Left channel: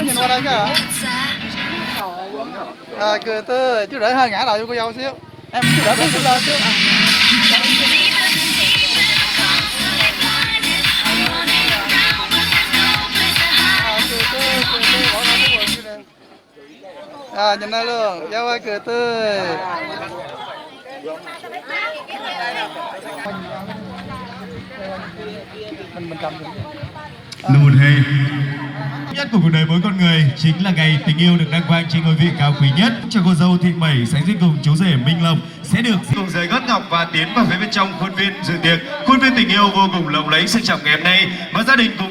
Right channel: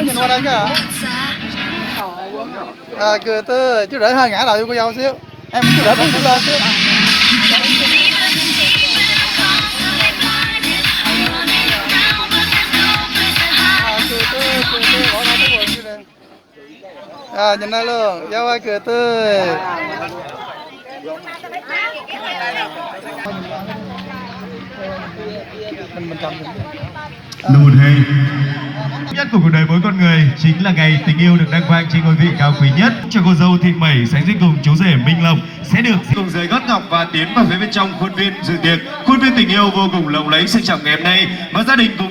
đỡ nhìn qua đây kìa. Cười tới chú đỡ hơi ngã đầu cho cô dâu xíu. Em chú đỡ chú lên xíu. Nhìn đây luôn, dâu ơi cười tươi. Mình cầm là một ngày nhất của cuộc đời mỗi con người, chính là ngày tình yêu được đăng quang trên ngôi vị cao quý nhất. Cho cô dâu Thị Mẩy sánh duyên cùng chú rể Minh Long sẽ được cùng rời gót ngọc và tiến vào phía bên trong khuôn viên dự tiệc. Khuôn viên tình yêu vô cùng lộng lẫy sang trọng ngày hôm nay, và gia đình cùng